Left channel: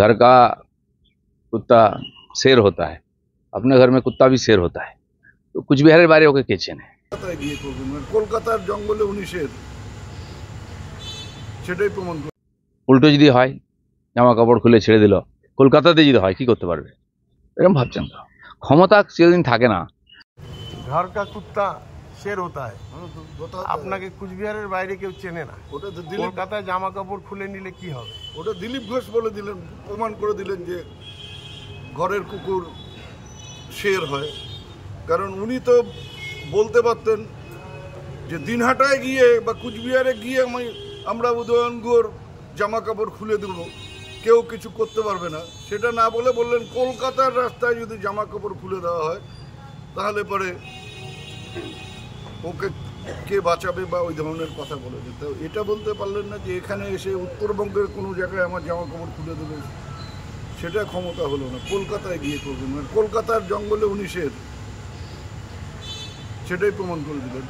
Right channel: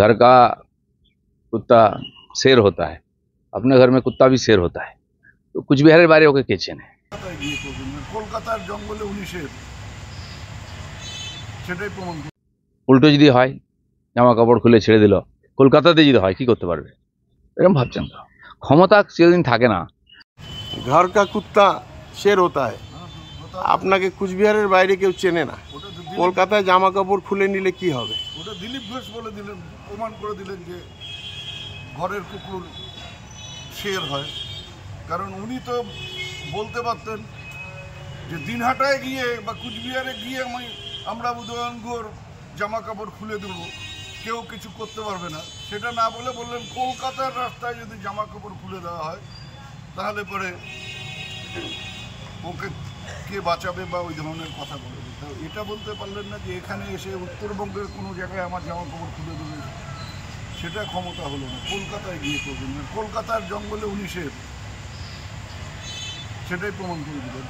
घर का कुत्ता शेर होता है, अपने घर में कुत्ता भी शेर होता है। तो কুচবিহারের বাইরে ওকে কে চেনে? কলকাতায় গিয়ে করবেন, কলকাতার জঙ্গলে উনি শের, সেটাই প্রমাণ করে। উল্টো যদি হয়, জামা কাপড় খুলে ছেড়ে দিল, কলকাতাতে যদি হয় কি করতে পারবে? এরকম ভাবছেন তো? ক্ষমতা চিরদিন থাকে না। घर का कुत्ता शेर होता है। আপনাকে কুচবিহারের বাইরে কেউ চেনে না। ওটা তো কলকাতায় জামা কাপড় খুলে নিলে কি হবে? ওটা দিলীপ ঘোষ বলে দিলেন, প্রমাণ করে দিলেন যে ঘরের কুকুর শের হয়। কারণ উনি তো বলতে পারতেন যে দিনহাটায় গিয়ে বা কুচবিহারে গিয়ে আমরা উদয়নগুলোর জামা কাপড় খুলে দেবো, কেউ কিছু করতে পারবে না। সেটা না বলে বললেন কলকাতার রাস্তায় যদি জামা কাপড় খুলে দেওয়া হয় তাহলে পরে ওকে কে বাঁচাবে বা ওই ধরনের কথা বলেছে। তো এটা বলতে পারলেন না যে এখানে এসে উত্তরবঙ্গের কোনো জায়গায় আমার জামা কাপড় খুলে দেবে, সেটা ক্ষমতা হলো না। কলকাতায় গিয়ে করবেন, কলকাতার জঙ্গলে উনি শের, সেটাই প্রমাণ করে দিলেন।